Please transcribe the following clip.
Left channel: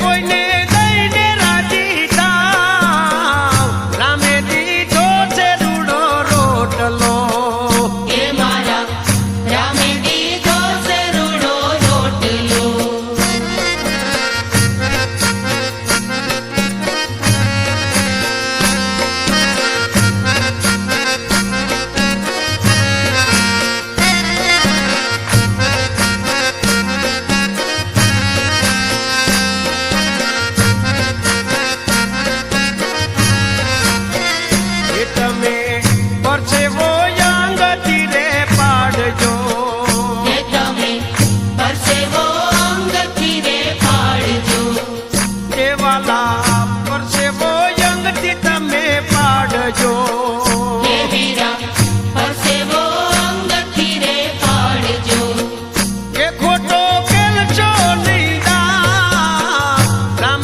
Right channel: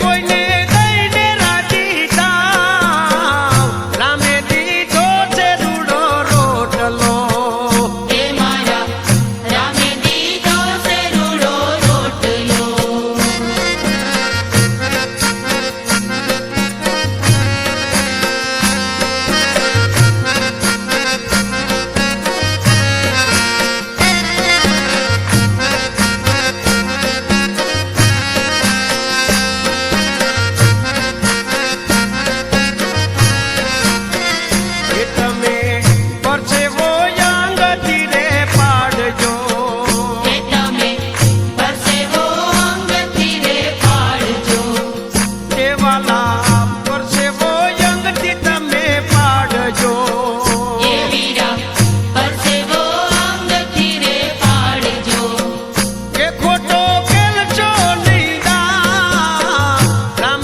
কইনে તાપ પરસેવો યંગથી તમે પાડજો.